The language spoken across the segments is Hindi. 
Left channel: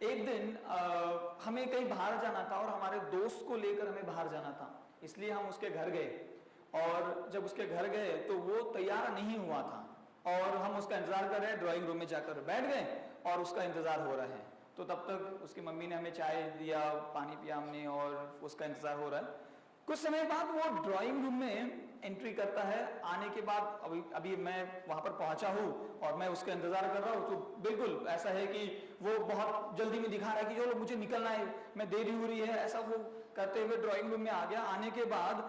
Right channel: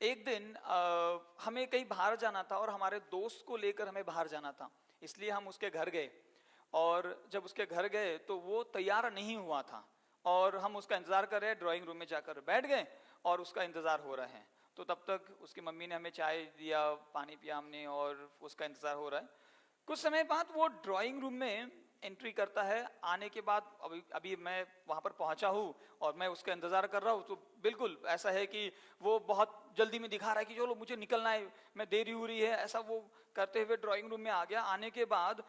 एक दिन हमें कहीं बाहर जाना था और हमारे दोस्त को लेकर हमें बाहर जाना था, इसलिए हम उसके घर गए। और जब उसके घर गए तो वो तैयार नहीं हुआ था और हम उसका इंतजार कर रहे हैं, ड्राइंग रूम में जाकर बैठ गए और उसका इंतजार हो रहा है। तो तब तक उसकी मम्मी ने हमें चाय दिया, पानी पिया हमने और उसका इंतजार हो रहा है। कुछ समय बाद वो ड्राइंग रूम में एंट्री करता है। आने के बाद अभी अभी मैं वहां पर पहुंचा हूँ और मैं उसका इंतजार कर रहा हूँ, तो बिल्कुल ऐसा है कि वो बहुत जल्दी में दिखा रहा है कि चलो मुझे निकलना है, मैं देरी हो रही है, ऐसा वो करते हुए ड्राइंग रूम में आ गया। आने के बाद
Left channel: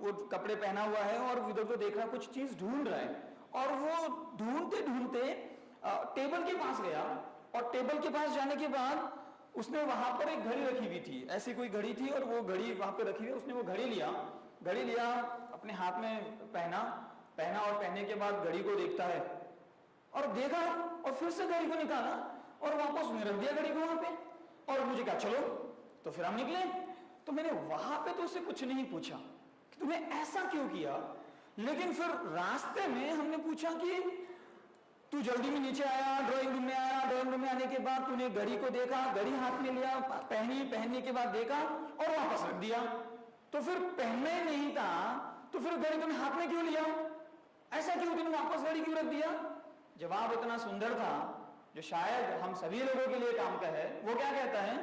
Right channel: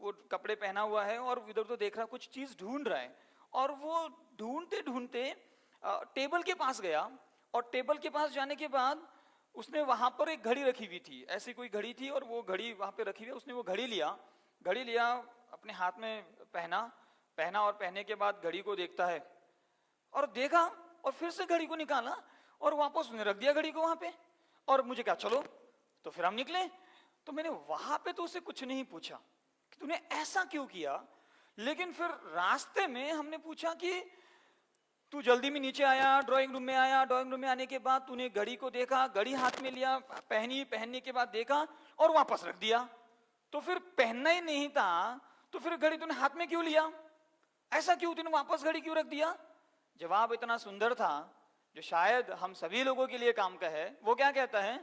वो कपड़े पहना हुआ है और इधर तो देख रहा, कुछ चीज ढूंढ रहा है। और वो ढूंढते ढूंढते टेबल के पास गया और टेबल के पास जाने के बाद उसने वहां पर एक घड़ी रखी हुई थी, ऐसी कोई घड़ी थी और वो घड़ी वहां पे रखी हुई। उसने वो घड़ी लिया अपने हाथ में पहना पहना और पहनने के बाद घड़ी को देखता है और देखा और फिर से घड़ी को निकाला और वापस उसने रख दिया घड़ी को वहां पे। और मुझे कहा चलो, तो फिर हम निकले। तो मैंने वहां पे तो उससे कुछ नहीं पूछा कि तूने ऐसा क्यों किया, लेकिन फिर रास्ते में हमने पूछा कि तू जल्दी में नीचे आया, ड्राइंग रूम में आया, ड्राइंग रूम में आने के बाद तूने घड़ी को देखा, घड़ी हाथ में लिया, पहनने के बाद देखा और वापस रख दिया। तो फिर पहनना ही नहीं था तो फिर घड़ी तूने हाथ में क्यों लिया, ऐसा क्यों, तूने वापस घड़ी क्यों रख दिया? जवाब इतना सुंदर था जो शायद हम सभी लोगों के लिए काम का है। वो क्या कहता है,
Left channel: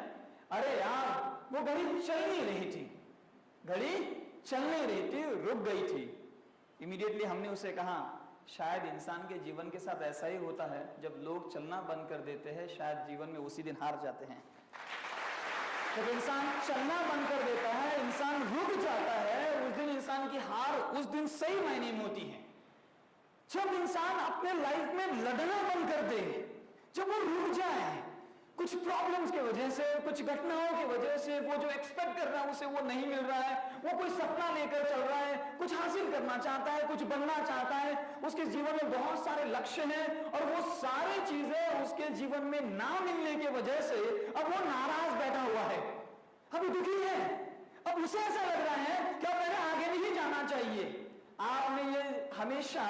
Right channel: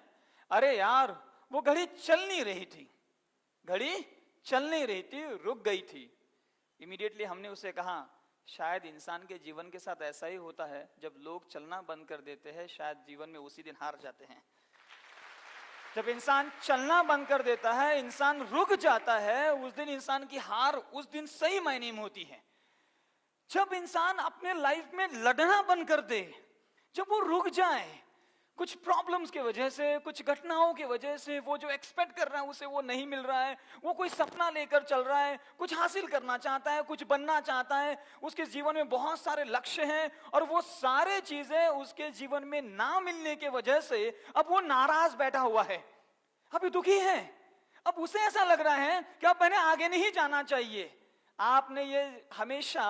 अरे यार वो घड़ी चल नहीं रही थी, घड़ी चल नहीं रही थी, रुक गई थी। इमीडिएटली हमने उसे कहा, शायद इंसान के जीवन के साथ ऐसा ही होता है, जब लोग चलना बंद कर देते हैं शायद जीवन में उसी दिन हार जाते हैं। जब इंसान चलना बंद कर देता है, इंसान रुक जाता है, उस दिन इंसान की हार उस दिन सही मायने में होती है। जब इंसान अपने लाइफ में लड़ना बंद कर दे, जब वो रुक जाए, कुछ प्रॉब्लम्स की वजह से, कुछ घटनाओं की वजह से, वो जो एक्सपेक्ट कर रहा है उसे वो नहीं मिल रहा है, वो कोई सपना लेकर चल रहा है, कुछ हासिल करना चाहता है, कुछ बनना चाहता है, उसके जीवन में बहुत सारे लक्ष्य हैं और वो सारे चीजें उसके जीवन में ना मिलने की वजह से अब वो नाराज बैठा हुआ है, अभी दुखी है। अब उसे ऐसा लग रहा है कि अब मैंने आगे नहीं जाना चाहिए। आपने ये हमेशा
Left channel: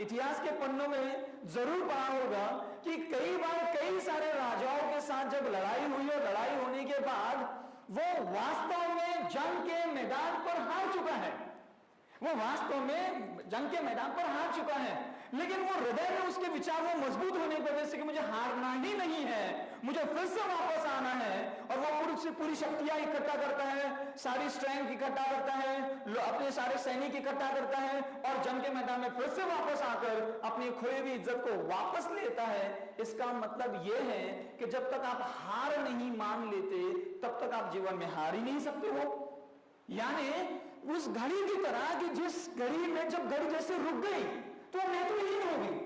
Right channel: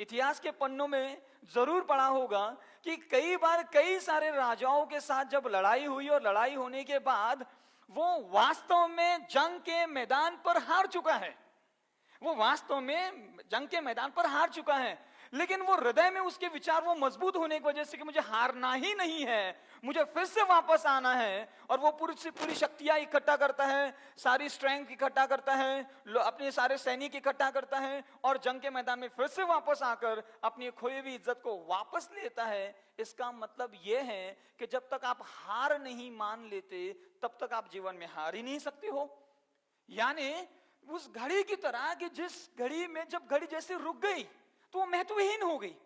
इतिहास के पन्नों में जरूर पढ़ा होगा कि कई बार कई सारे राजाओं के साथ जब लड़ाई हुई और लड़ाई होने के बाद वो वास्तव में जंग के मैदान पर हार चुका है, वो वास्तव में जंग के मैदान पर हार चुका है, लेकिन वो हृदय में उसके विचार वो मजबूत होने की वजह से कि मुझे हारना ही नहीं है, मुझे फिर से वापस आना है। और वो पूरी शक्तियां इकट्ठा करता है, सारी स्ट्रेंथ इकट्ठा करता है, अपने सारे सैनिक इकट्ठा करता है और जंग के मैदान में फिर से वापस आकर अपनी खोई हुई इज्जत को वापस लेता है। इसका मतलब यह है कि जब तक आप हार नहीं मान लेते तब तक आप जीवन में हार ही नहीं सकते हो। यानी उस घड़ी की तरह कि जिस घड़ी में जब घड़ी जैसे रुक गई तो महत्वहीन हो गई,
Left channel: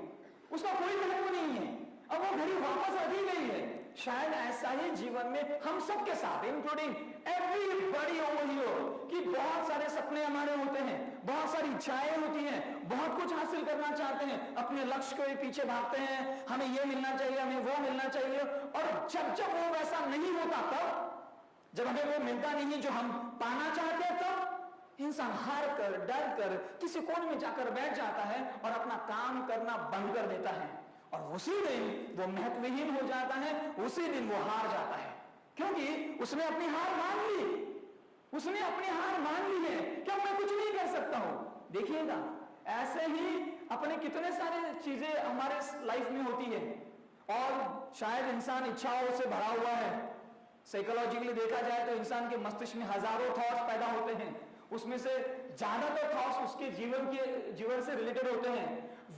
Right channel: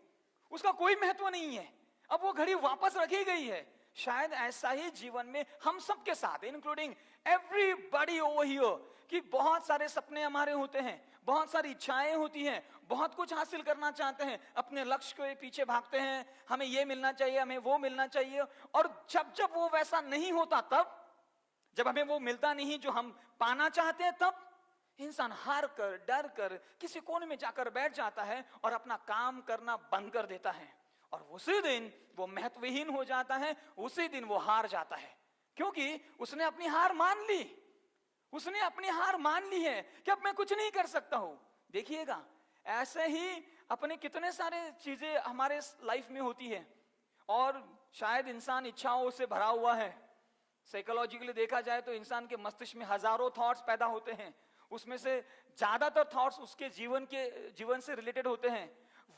उसका कोई महत्व नहीं है, अब वो घड़ी वापस रखी गई है। शायद ऐसा ही जीवन में हम सबके साथ, इंक्लूडिंग एवरीबॉडी ओवर हियर, कि बहुत सारे सपने हमारे होते हैं, बहुत सारी इच्छाएं होती हैं, बहुत कुछ हासिल करना चाहते हैं, अपने लक्ष्य के पीछे भागते हैं, हमें ये मिलना चाहिए, हमें वो मिलना चाहिए। और जब जब वो वैसा नहीं होता, तब जब हमें वो मिलता नहीं जो हम पाना चाहते हैं, तब इंसान हार कर, डर कर किसी कोने में जाकर बैठ जाता है और अपना काम करना बंद कर देता है और उसी दिन वो महत्वहीन हो जाता है, उसी दिन वो हार जाता है, क्योंकि उसने अपनी हार मान ली, उसने अपनी हार मान ली है कि अब मैं कुछ नहीं कर सकता हूं। देखिएगा ऐसे ही अपने कितने सारे चीजें हमारे लाइफ में होती है और शायद इंसान इच्छाओं से भरा हुआ है। साइकोलॉजिकली देखा जाए तो इंसान के मस्तिष्क में हजारों थॉट्स पैदा होते हैं, उसमें से ज्यादातर थॉट्स उसके जीवन से रिलेटेड होते हैं।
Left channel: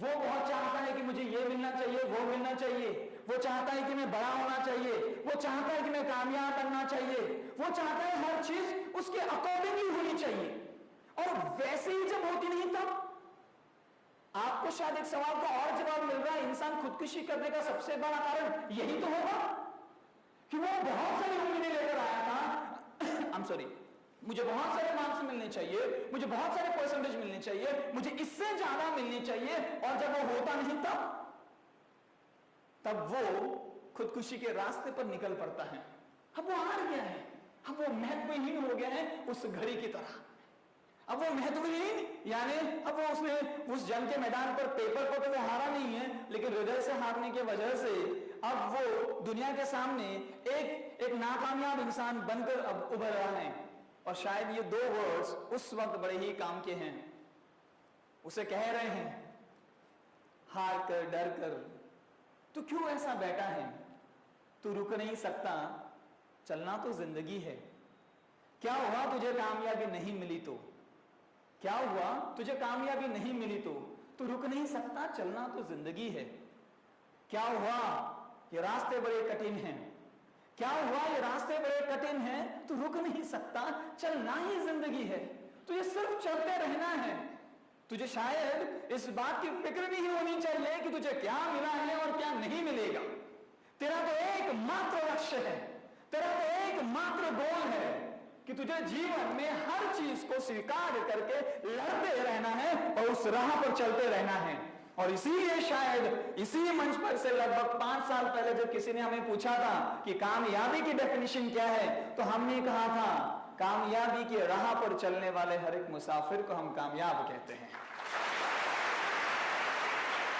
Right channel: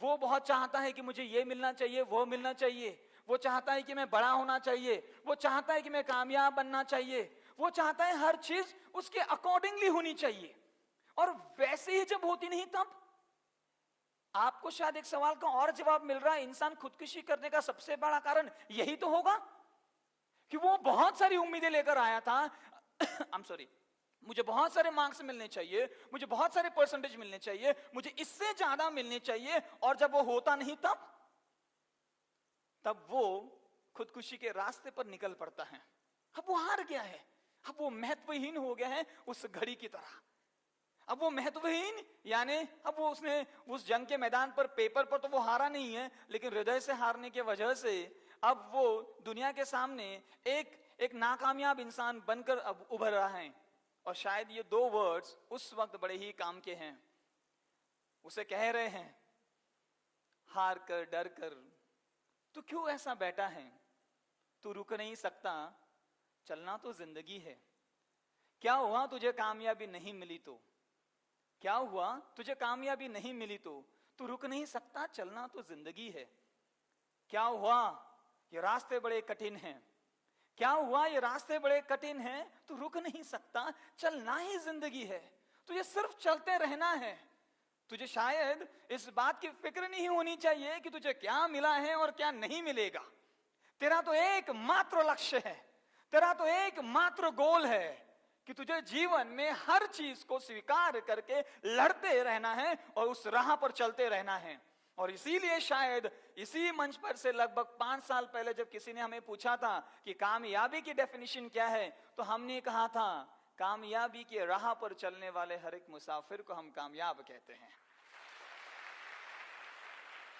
वो बहुत चाहता है कि मुझे ये मिलना चाहिए, वो मिलना चाहिए, वो चाहता है कि मैं बड़ा होना चाहिए, वो चाहता है कि मैं कामयाब बनना चाहिए, वो चाहता है हर चीज उसके अकॉर्डिंगली होनी चाहिए। और वैसे ही जब होती नहीं, तब आपको शायद एक सवाल का और जवाब मिल रहा है, इंसान खुदकुशी करने का सबसे बड़ा कारण यही तो होगा कि वो बहुत सारी उम्मीदें लेकर आया था आई एम सॉरी, मुझे बहुत सारे मार्क्स मिलने चाहिए, मुझे बहुत सारे परसेंटेज मिलने चाहिए, मुझे इससे ज्यादा मिलने चाहिए, और जब वो होता नहीं तब वो खुदकुशी के रास्ते पर निकल पड़ता है। अब वो हार गया है, अब वो महत्वहीन हो गया है उस घड़ी की तरह। अब वो महत्वहीन यानी अब वो उसने उस जंग के मैदान पर पेपर पर तो वो हारा नहीं है, लेकिन हृदय से हारने की वजह से अब वो दुनिया के सामने एक नाकामयाब इंसान बनकर अब उभर रहा है। और शायद ये 2 वर्ड्स उस वक्त बड़े ही काम के हैं। उसे कह रहे हैं, हार कर, डर कर, तू क्यों ऐसा बैठा है, तू रुक नहीं सकता, चलना तो जिंदगी है। क्या हुआ तुझे कामयाबी नहीं मिली तो, क्या हुआ तुझे कामयाबी नहीं मिली तो, तू रुक नहीं सकता, चलना तो जिंदगी है। क्या हुआ ये रास्ते बड़े कठिन हैं, क्या हुआ ये रास्ते बड़े कठिन हैं, तू रुक नहीं सकता, चलना ही जिंदगी है। तुझे सिर्फ चलते रहना है। तुझे शायद इस बात की फिक्र नहीं होनी चाहिए कि तुझे क्या मिला है और क्या नहीं मिलेगा। तेरा तो एकमात्र लक्ष्य है, तेरा तो एकमात्र गोल है कि तुझे जीवन में हर चीज को स्वीकार करके लड़ते रहना है और उस राह पर चलते रहना है। और इसीलिए शायद इसी मंच पर से लगभग 5 साल पहले जब किसी ने हमें पूछा था कि कामयाबी की डेफिनेशन क्या है, तो हमने कहा था कामयाबी की राह पर चलने वाले हर एक मुसाफिर को हम कामयाब कहते हैं।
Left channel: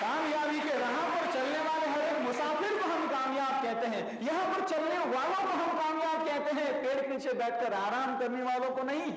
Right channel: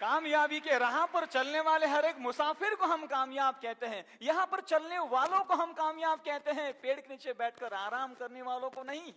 कामयाबी के राह पर चलने वाले हर एक मुसाफिर को हम कामयाब कहते हैं। यहां पर चलने वालों को हम कामयाब कहते हैं, पेड़ के नीचे बैठकर आराम करने वालों को नहीं।